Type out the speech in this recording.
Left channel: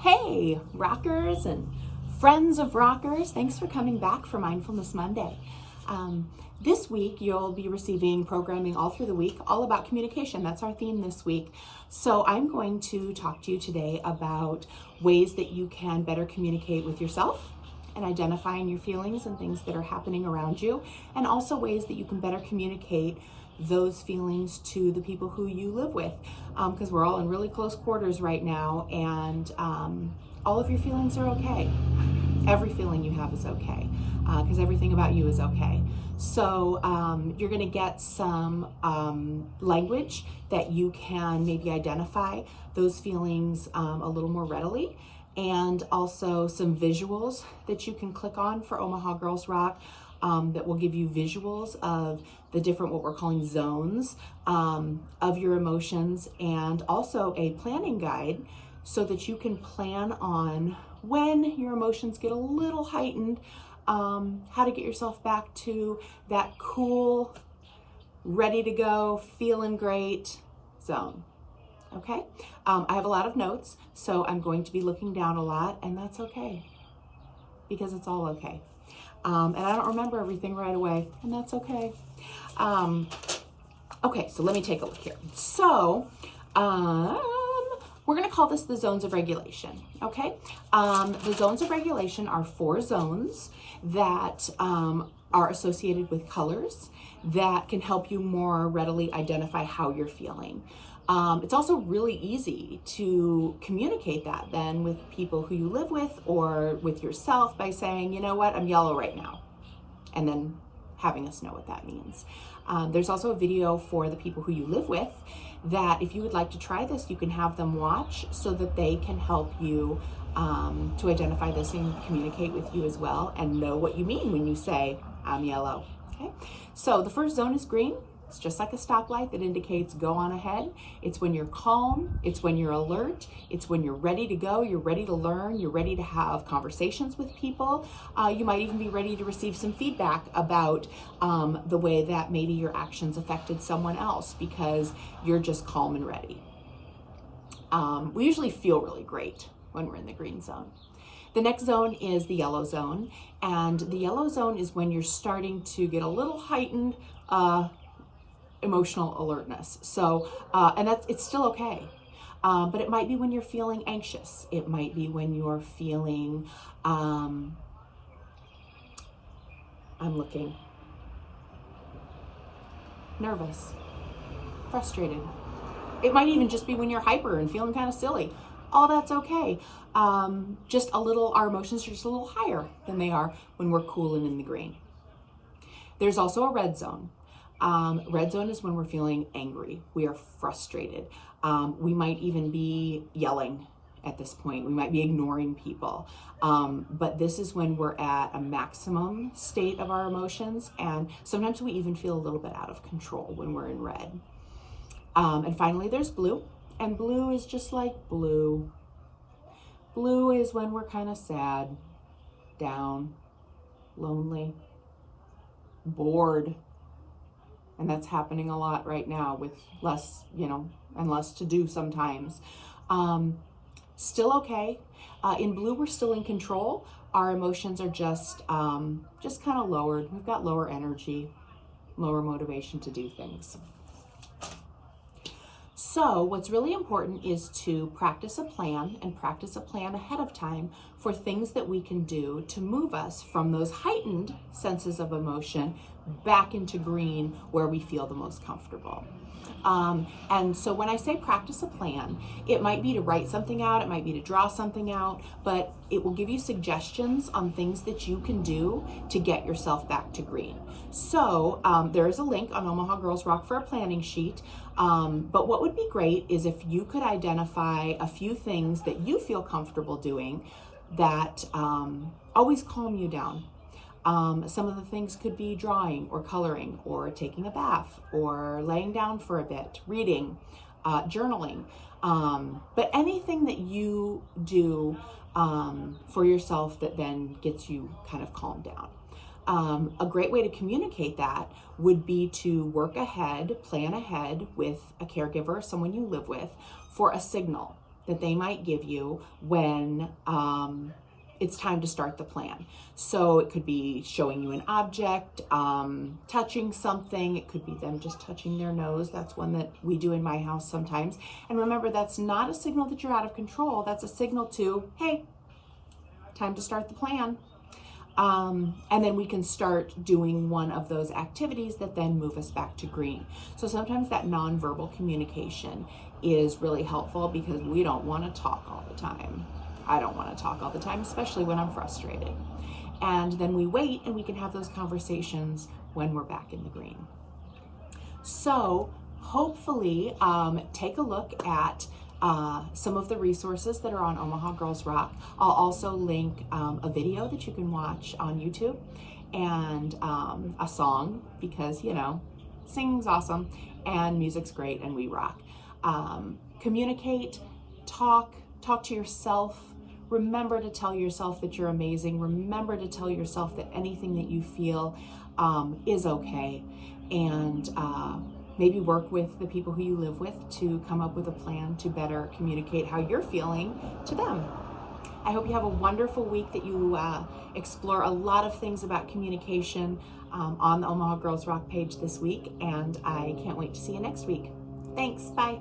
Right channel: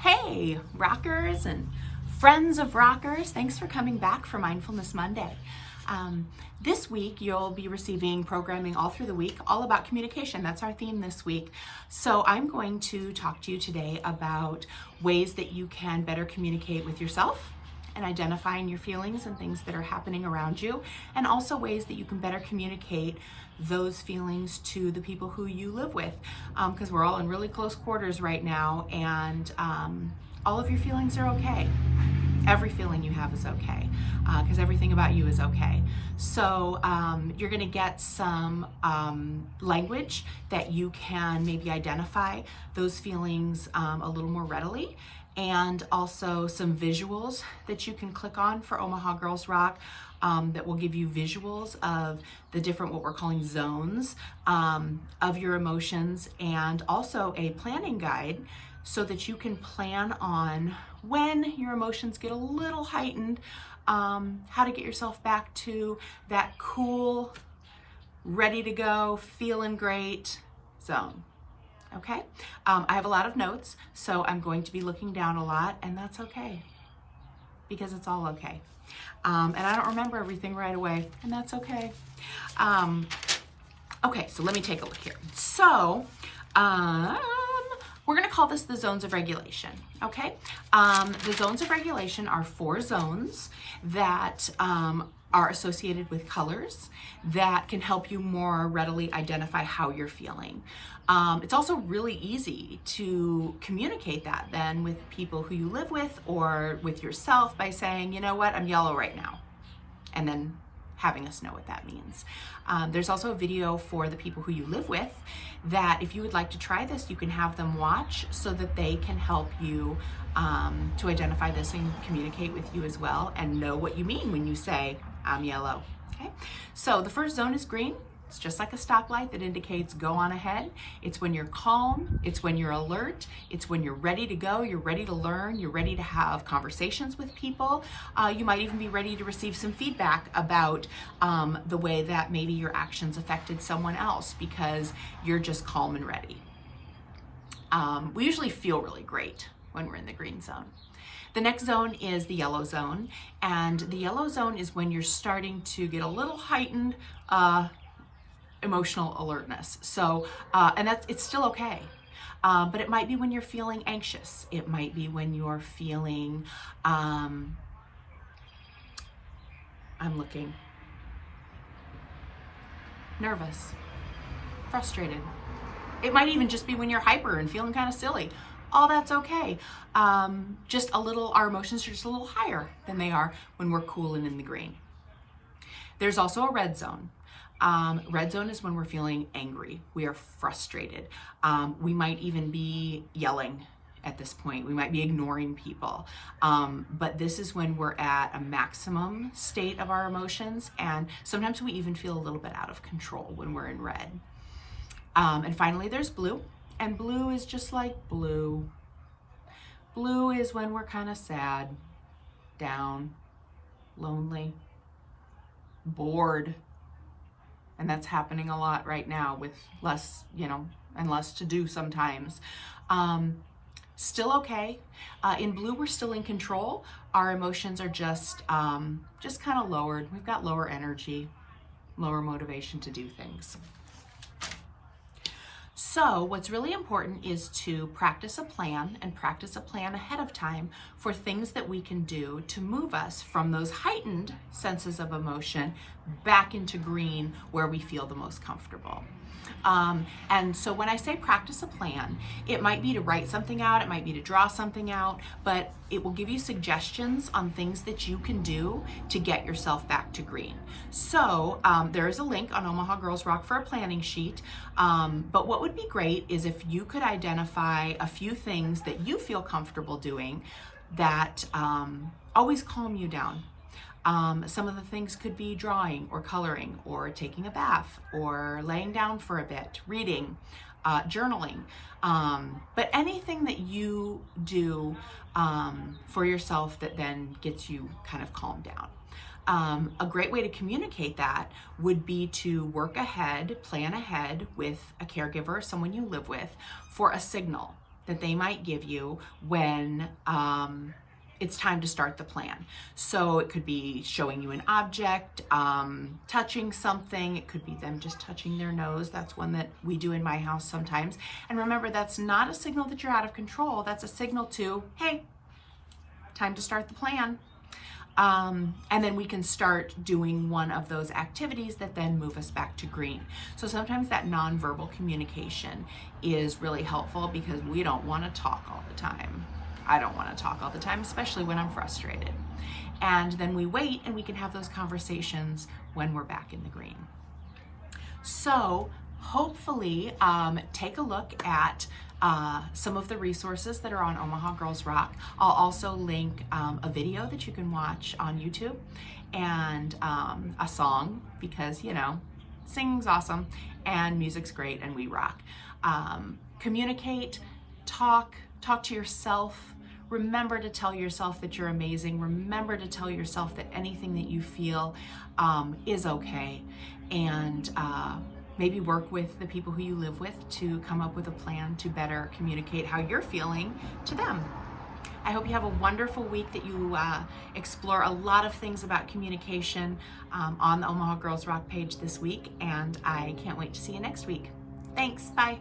Hey, rockers and friends of rockers, thanks for coming back for Mindfulness Monday. This week, you'll be receiving programming all through the week, all about communication. That's our theme this week. So I'm going to talk to you today about ways that you can better communicate with yourself and identifying your feelings and things that are happening around you, and also ways that you can better communicate those feelings to the people who you live with, because we're all in really close quarters right now, and all of your feelings are okay. Every feeling you have is okay, because everything about you is okay. So you're going to get some language that you can maybe identify those feelings a little more readily, and also some visuals that you can click on for Omaha Girls Rock that will give you visuals of the different, what we're calling zones of your emotions, and also a planning guide so that you can plan on when your emotions get a little heightened, how to get yourself back to that cool, ready to go, feeling great zone. Okay, I have a lot of notes, so I'm going to be looking down a lot, and that's okay, because it's all okay. And I don't remember everything right away, and that's okay. Okay, so let me take a look here. So, we're gonna call this the zones of regulation, okay? The zones of regulation are 4 zones that are associated with colors that can help you more readily identify how you're feeling. It's also really easy to communicate that then with people who you live with or with yourself by saying, you know what, I'm yellow right now, and then having us know what that means. There's also a video for the people who you live with that if you would like to try this, you can have them watch so that they can help you to identify this and communicate with you as well and know what you mean when you say, I'm yellow, okay? So the first zone is green. It's just like a stoplight that indicates go on ahead. It's when you're calm, it's when you're alert, it's when you're ready to go, you're ready to learn, you're ready to have conversations with people. You might even be ready to receive some feedback about the way that maybe your actions affected someone else because you're just calm and ready. We usually feel really great when we're in the green zone. The next zone is the yellow zone, and the yellow zone is when you're starting to get a little heightened emotional alertness. So, and it's still okay. But it might be when you're feeling anxious. It might be when you're feeling, I'm looking, nervous, frustrated. It might even just be when you're hyper and feeling kind of silly. All that's okay. Just a little, our emotions are just a little higher than they are when we're cool and in the green. There's also a red zone. Red zone is when we're feeling angry. We are frustrated. We might even be yelling at this point. We might be ignoring people. But this is when we're at a maximum state of our emotions, and sometimes we even feel a little bit out of control when we're in red. And finally, there's blue. And blue is just like blue. Blue is when we're kind of sad, down, lonely, bored. And that's happening a lot right now with less, and less to do sometimes. Still okay. In blue, we're still in control. Our emotions are just kind of lowered. We've got lower energy, lower motivation to do things. So what's really important is to practice a plan and practice a plan ahead of time for things that we can do to move us from those heightened senses of emotion back into green where we feel the most comfortable. And so when I say practice a plan, it might be to write something out, it might be to draw something out, but it will give you suggestions on things that you can do to get yourself back to green. So there is a link on Omaha Girls Rock for a planning sheet. But what would be great is if you could identify a few things that you feel comfortable doing that always calm you down. Some of the things could be drawing or coloring or taking a bath or laying down for a bit, reading, journaling, but anything that you do for yourself that then gets you kind of calmed down. A great way to communicate that would be to work ahead, plan ahead with a caregiver, someone you live with, for a signal that they might give you when it's time to start the plan. So it could be showing you an object, touching something. It could be them just touching their nose. That's one that we do in my house sometimes. And remember, that's not a signal that you're out of control. That's a signal to, hey, time to start the plan. And then we can start doing one of those activities that then move us back to green. So sometimes that nonverbal communication is really helpful because we don't want to talk all the time. I don't want to talk all the time, especially when I'm frustrated. And then we wait and we can have those conversations when we're back in the green. So hopefully take a look at some of the resources that are on Omaha Girls Rock. I'll also link a video that you can watch on YouTube and a song because, you know, singing's awesome and music's great and we rock. Communicate, talk to yourself. Remember to tell yourself that you're amazing. Remember to tell yourself that anything that you feel is okay. And maybe work with the people who you live with to come up with a plan to better communicate how you're feeling to them. I hope you have a wonderful week, that you explore a lot of things about communication on the Omaha Girls Rock page this week. And I can't wait to see you next week. Thanks. Bye.